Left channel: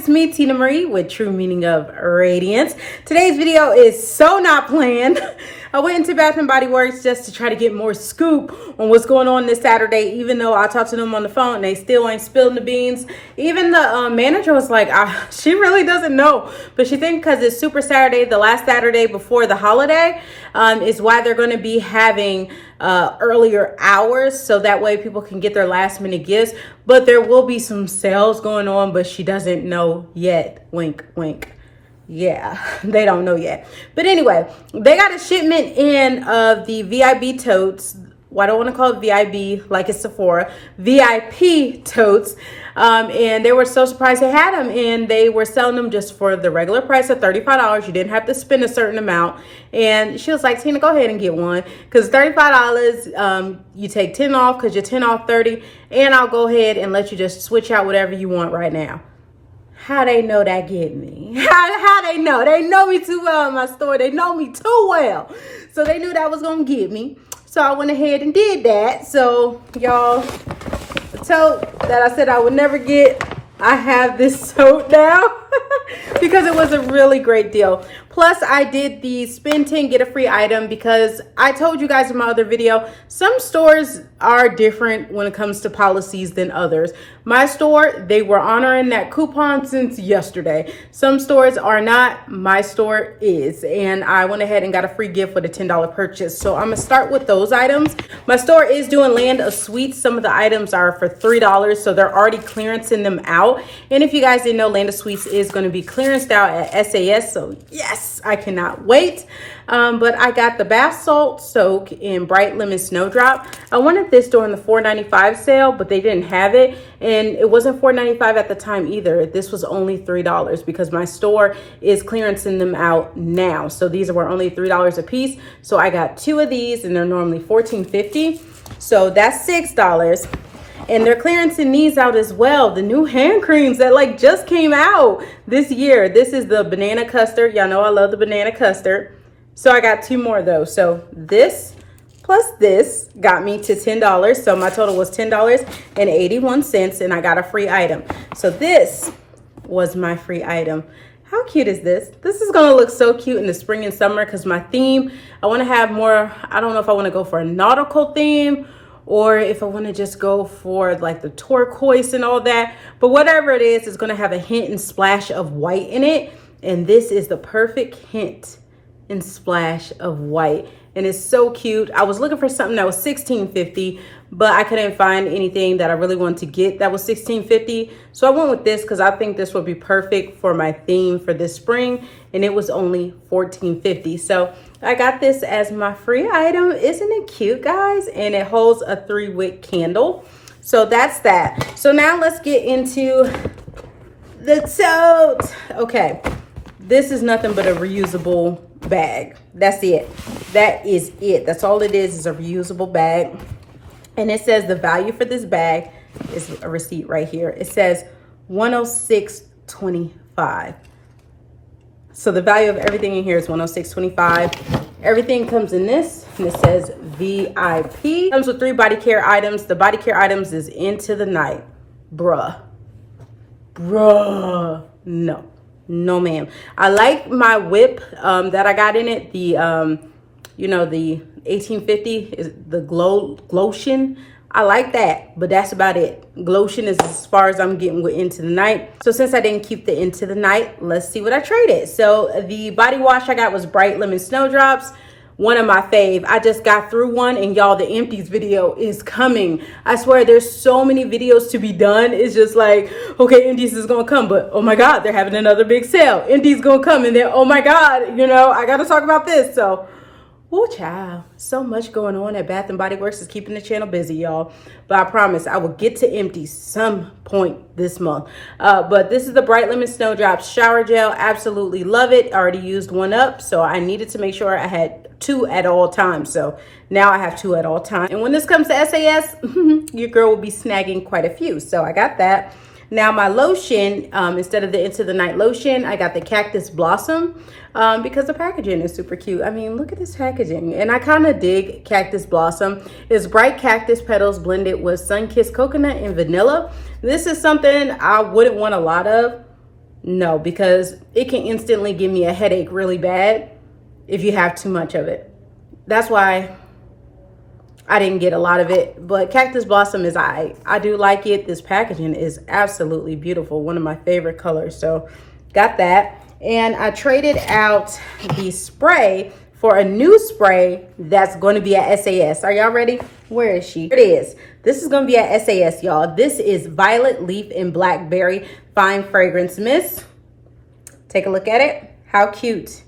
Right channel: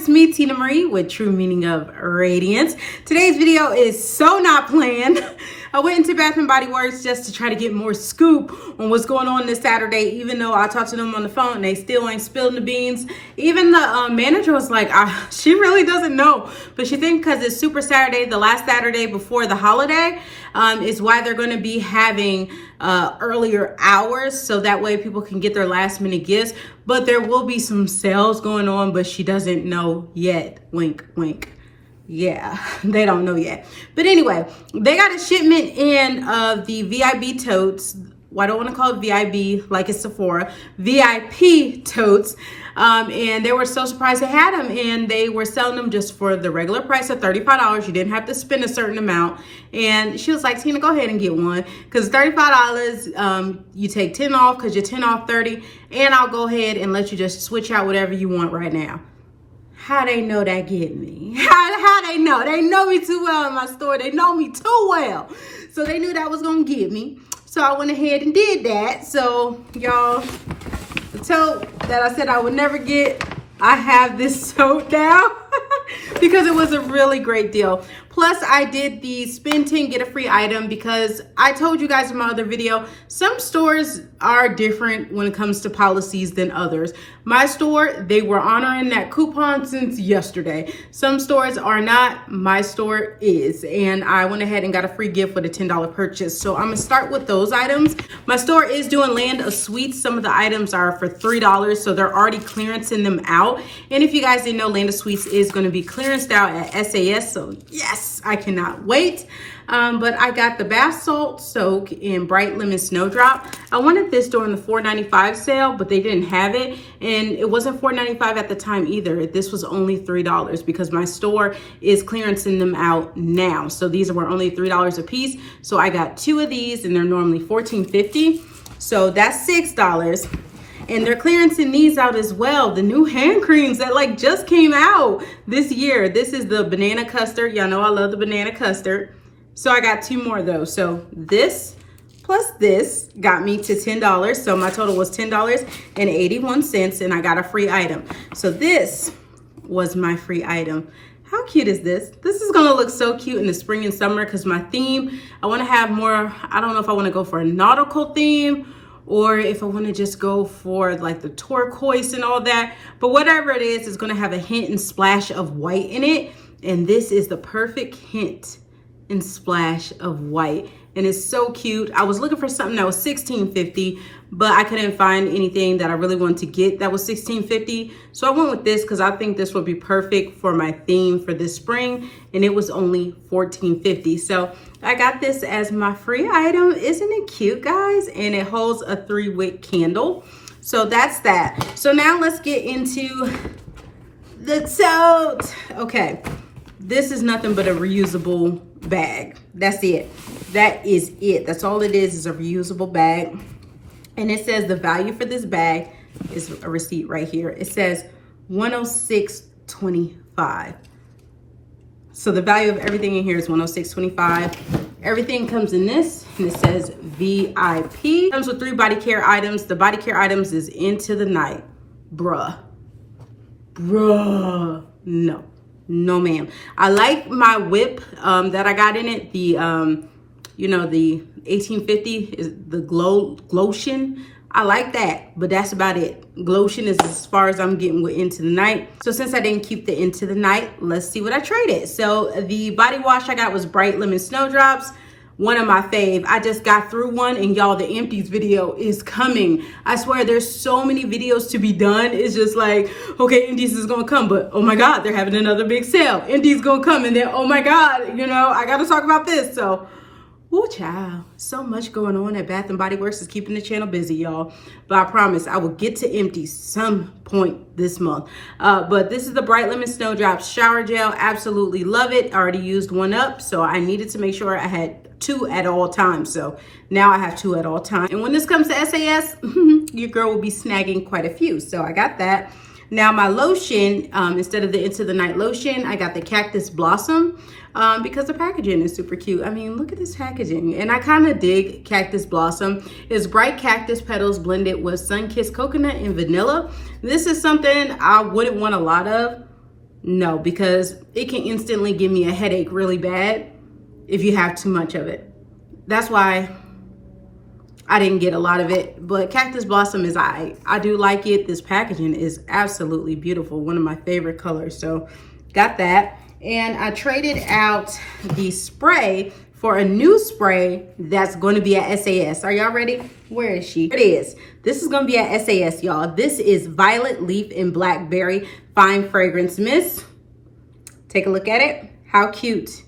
it's me, Tina Marie, with True Meaning of Radiance. Today's video is so not planned. I went into Bath & Body Works just to try to get more scoop on what's going on this Saturday, even though I talked to them on the phone and they still ain't spilling the beans. Even the manager was like, she really doesn't know, but she thinks because it's Super Saturday, the last Saturday before the holiday, is why they're going to be having earlier hours, so that way people can get their last minute gifts. But there will be some sales going on, but she doesn't know yet. Wink, wink. Yeah, they don't know yet. But anyway, they got a shipment in of the VIB totes. Well, I don't want to call it VIB like it's Sephora. VIP totes. And they were so surprised they had them, and they were selling them just for the regular price of $35. You didn't have to spend a certain amount. And she was like, Tina, go ahead and get one, because $35, you take 10 off because you're 10 off 30, and I'll go ahead and let you just switch out whatever you want right now. How they know that get me? How they know? They know me too well in my store. They know me too well. So they knew that was going to get me. So I went ahead and did that. So y'all, the tote that I said I would never get, I have this tote now because it was a really great deal. Plus, I did the spend 10, get a free item, because I told you guys in my other video, some stores are different when it comes to policies than others. My store, they were honoring that coupon since yesterday. Some stores are not. My store is. And I went ahead and got a free gift with a $10 purchase. So I'm going to start with those items. My store is doing Land of Sweets. Some of the items are for $3, so they're already clearancing them out. And if you guys didn't know, Land of Sweets is going to be clearanced out at SAS. So yes, I cannot wait. But I got the bath salt soak in bright lemon snowdrop. I wanted this during the $4.95 sale, but they didn't have it, and it wasn't $4.95 at the time either. This was only $3 because my store is clearancing them out now. So these were only $3 a piece. So I got 2 of these, and they're normally $14.50. So that's $6. And they're clearancing these out as well. The new hand creams that like just came out this year. This is the banana custard. Y'all know I love the banana custard. So I got 2 more of those. So this plus this got me to $10. So my total was $10.81, and I got a free item. So this was my free item. How cute is this? This is gonna look so cute in the spring and summer, because my theme, I wanna have more, I don't know if I wanna go for a nautical theme or if I wanna just go for like the turquoise and all that. But whatever it is, it's gonna have a hint and splash of white in it. And this is the perfect hint and splash of white, and it's so cute. I was looking for something that was $16.50, but I couldn't find anything that I really wanted to get that was $16.50. So I went with this because I think this would be perfect for my theme for this spring, and it was only $14.50. So I got this as my free item. Isn't it cute, guys? And it holds a 3-wick candle. So that's that. So now let's get into the tote. Okay, this is nothing but a reusable bag. That's it. That is it. That's all it is a reusable bag. And it says the value for this bag is a receipt right here. It says $106.25. So the value of everything in here is $106.25. Everything comes in this, and it says VIP. It comes with 3 body care items. The body care items is Into the Night. Bruh, no. No, ma'am. I like my whip that I got in it. The, you know, the 1850 is the Glotion. I like that, but that's about it. Glotion is as far as I'm getting with Into the Night. So since I didn't keep the Into the Night, let's see what I traded. So the body wash I got was Bright Lemon Snowdrops. One of my fave. I just got through one, and y'all, the empties video is coming. I swear there's so many videos to be done. It's just like, okay, empties is gonna come, but oh my God, they're having another big sale. Empties gonna come, and then oh my God, you know, I gotta talk about this. So, oh child, so much going on at Bath & Body Works is keeping the channel busy, y'all. But I promise I will get to empties some point this month. But this is the Bright Lemon Snowdrops Shower Gel. Absolutely love it. I already used one up, so I needed to make sure I had 2 at all times. So now I have 2 at all times. And when this comes to SAS, your girl will be snagging quite a few. So I got that. Now my lotion, instead of the Into the Night lotion, I got the Cactus Blossom because the packaging is super cute. I mean, look at this packaging. And I kind of dig Cactus Blossom. It's bright cactus petals blended with sun-kissed coconut and vanilla. This is something I wouldn't want a lot of, No, because it can instantly give me a headache really bad if you have too much of it. That's why I didn't get a lot of it, but Cactus Blossom is I do like it. This packaging is absolutely beautiful. One of my favorite colors. So got that. And I traded out the spray for a new spray that's going to be at SAS. Are y'all ready? Where is she? Here it is. This is going to be at SAS, y'all. This is Violet Leaf and Blackberry Fine Fragrance Mist. Take a look at it. How cute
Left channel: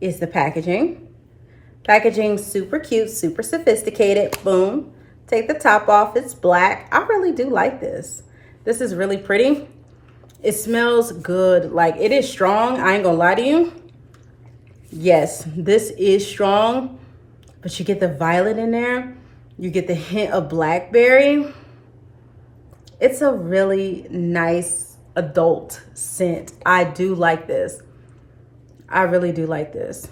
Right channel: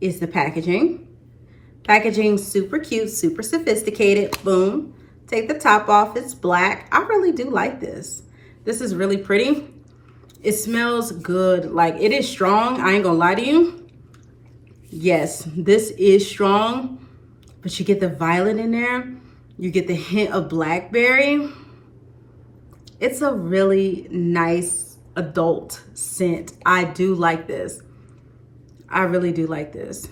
is the packaging? Packaging super cute, super sophisticated. Boom. Take the top off. It's black. I really do like this. This is really pretty. It smells good. Like, it is strong. I ain't gonna lie to you. Yes, this is strong, but you get the violet in there. You get the hint of blackberry. It's a really nice adult scent. I do like this. I really do like this.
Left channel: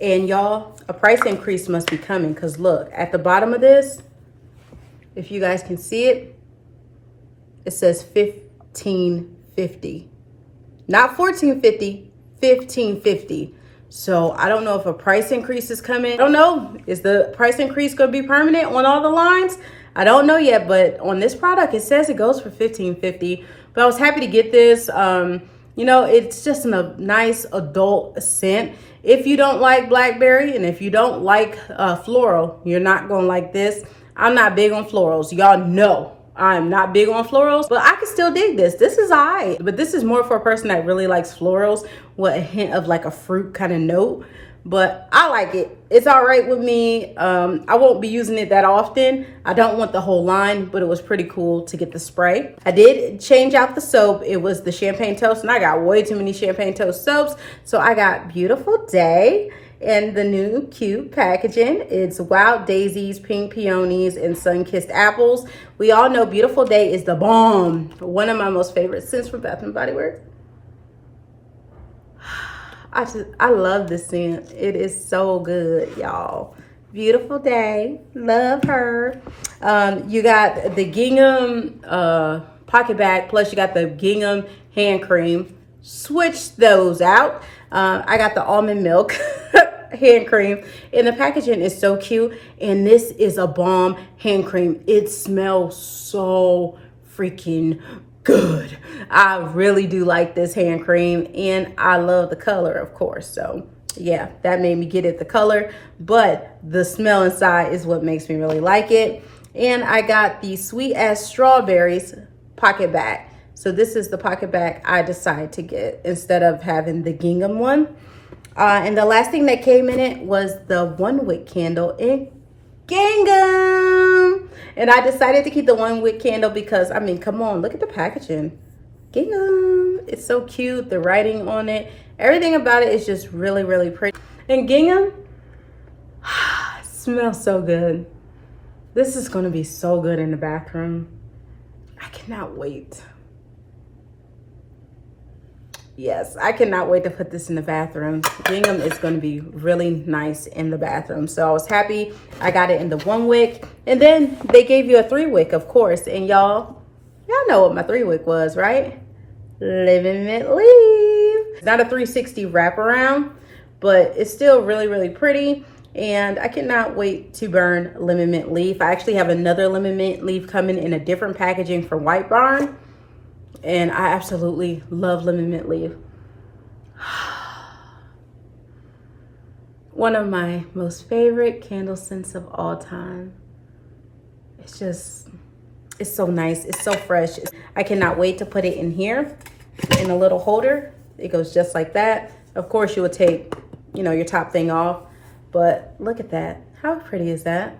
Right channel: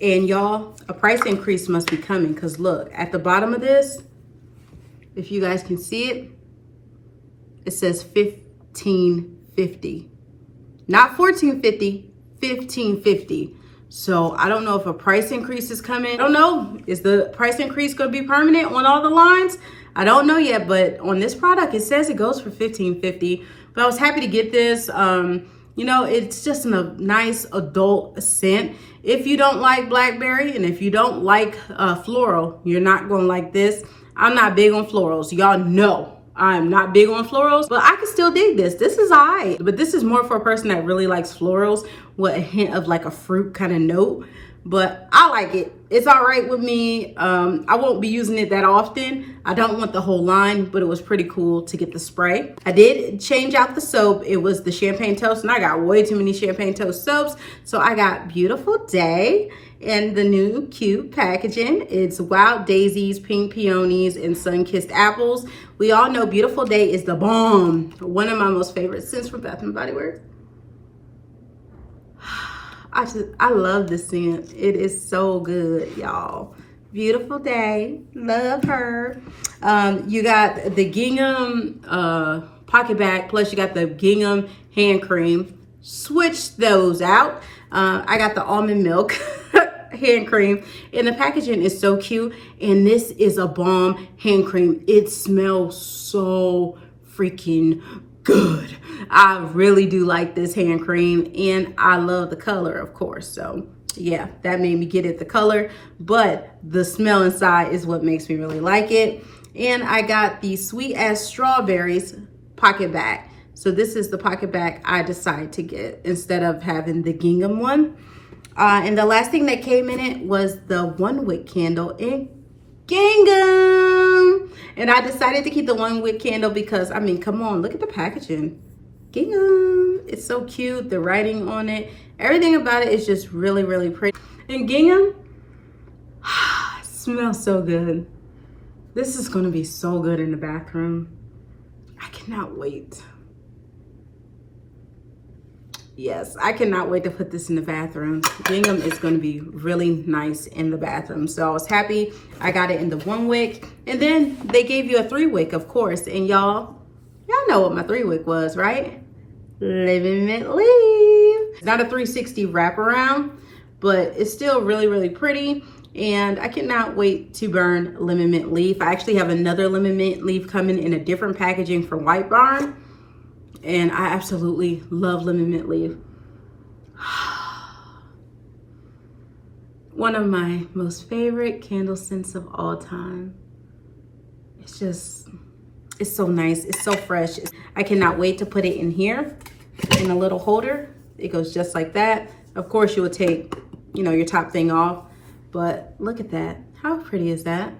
And y'all, a price increase must be coming, because look, at the bottom of this, if you guys can see it, it says $15.50. Not $14.50, $15.50. So I don't know if a price increase is coming. I don't know. Is the price increase going to be permanent on all the lines? I don't know yet, but on this product, it says it goes for $15.50. But I was happy to get this. You know, it's just a nice adult scent. If you don't like blackberry and if you don't like floral, you're not going to like this. I'm not big on florals. Y'all know I'm not big on florals, but I can still dig this. This is alright, but this is more for a person that really likes florals with a hint of like a fruit kind of note. But I like it. It's all right with me. I won't be using it that often. I don't want the whole line, but it was pretty cool to get the spray. I did change out the soap. It was the Champagne Toast, and I got way too many Champagne Toast soaps. So I got Beautiful Day and the new cute packaging. It's Wild Daisies, Pink Peonies, and Sun-Kissed Apples. We all know Beautiful Day is the bomb. One of my most favorite scents from Bath & Body Works. I love this scent. It is so good, y'all. Beautiful Day. Love her. You got the gingham pocket bag, plus you got the gingham hand cream. Switch those out. I got the almond milk hand cream, and the packaging is so cute. And this is a bomb hand cream. It smells so freaking good. I really do like this hand cream, and I love the color, of course. So yeah, that made me get it, the color, but the smell inside is what makes me really like it. And I got the Sweet as Strawberries pocket bag. So this is the pocket bag I decided to get instead of having the gingham one. And the last thing that came in it was the one wick candle in gingham. And I decided to keep the one wick candle because, I mean, come on, look at the packaging. Gingham. It's so cute. The writing on it. Everything about it is just really, really pretty. And gingham smells so good. This is going to be so good in the bathroom. I cannot wait. Yes, I cannot wait to put this in the bathroom. Gingham is going to be really nice in the bathroom. So I was happy I got it in the one wick. And then they gave you a 3 wick, of course. And y'all know what my 3 wick was, right? Living Mint Leaf. It's not a 360 wraparound, but it's still really, really pretty. And I cannot wait to burn Lemon Mint Leaf. I actually have another Lemon Mint Leaf coming in a different packaging from White Barn. And I absolutely love Lemon Mint Leaf. One of my most favorite candle scents of all time. It's so nice. It's so fresh. I cannot wait to put it in here in a little holder. It goes just like that. Of course, you would take, you know, your top thing off. But look at that. How pretty is that?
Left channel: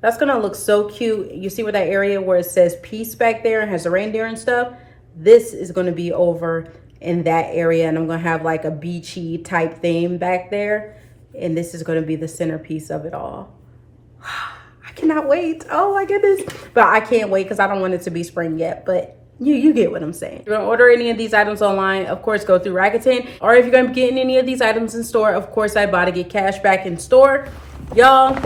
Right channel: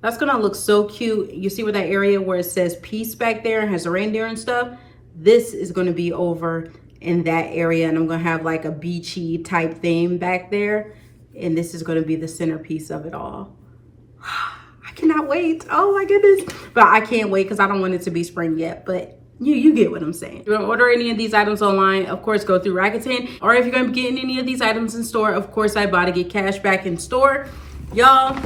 That's gonna look so cute. You see where that area where it says peace back there and has a reindeer and stuff? This is gonna be over in that area, and I'm gonna have like a beachy type theme back there. And this is gonna be the centerpiece of it all. I cannot wait. Oh my goodness. But I can't wait because I don't want it to be spring yet. But you get what I'm saying. If you want to order any of these items online, of course, go through Rakuten. Or if you're going to be getting any of these items in store, of course, Ibotta get cashback in store. Y'all,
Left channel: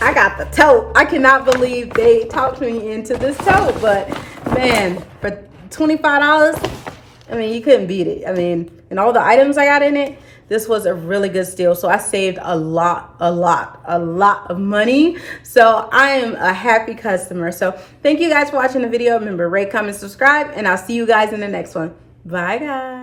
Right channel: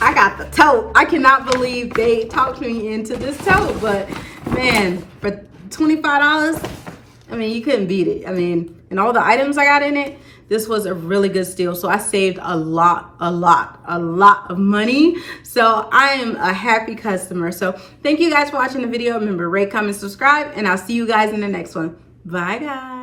I got the tote. I cannot believe they talked me into this tote. But man, for $25, I mean, you couldn't beat it. I mean, and all the items I got in it, this was a really good steal. So I saved a lot of money. So I am a happy customer. So thank you guys for watching the video. Remember, rate, comment, subscribe, and I'll see you guys in the next one. Bye, guys.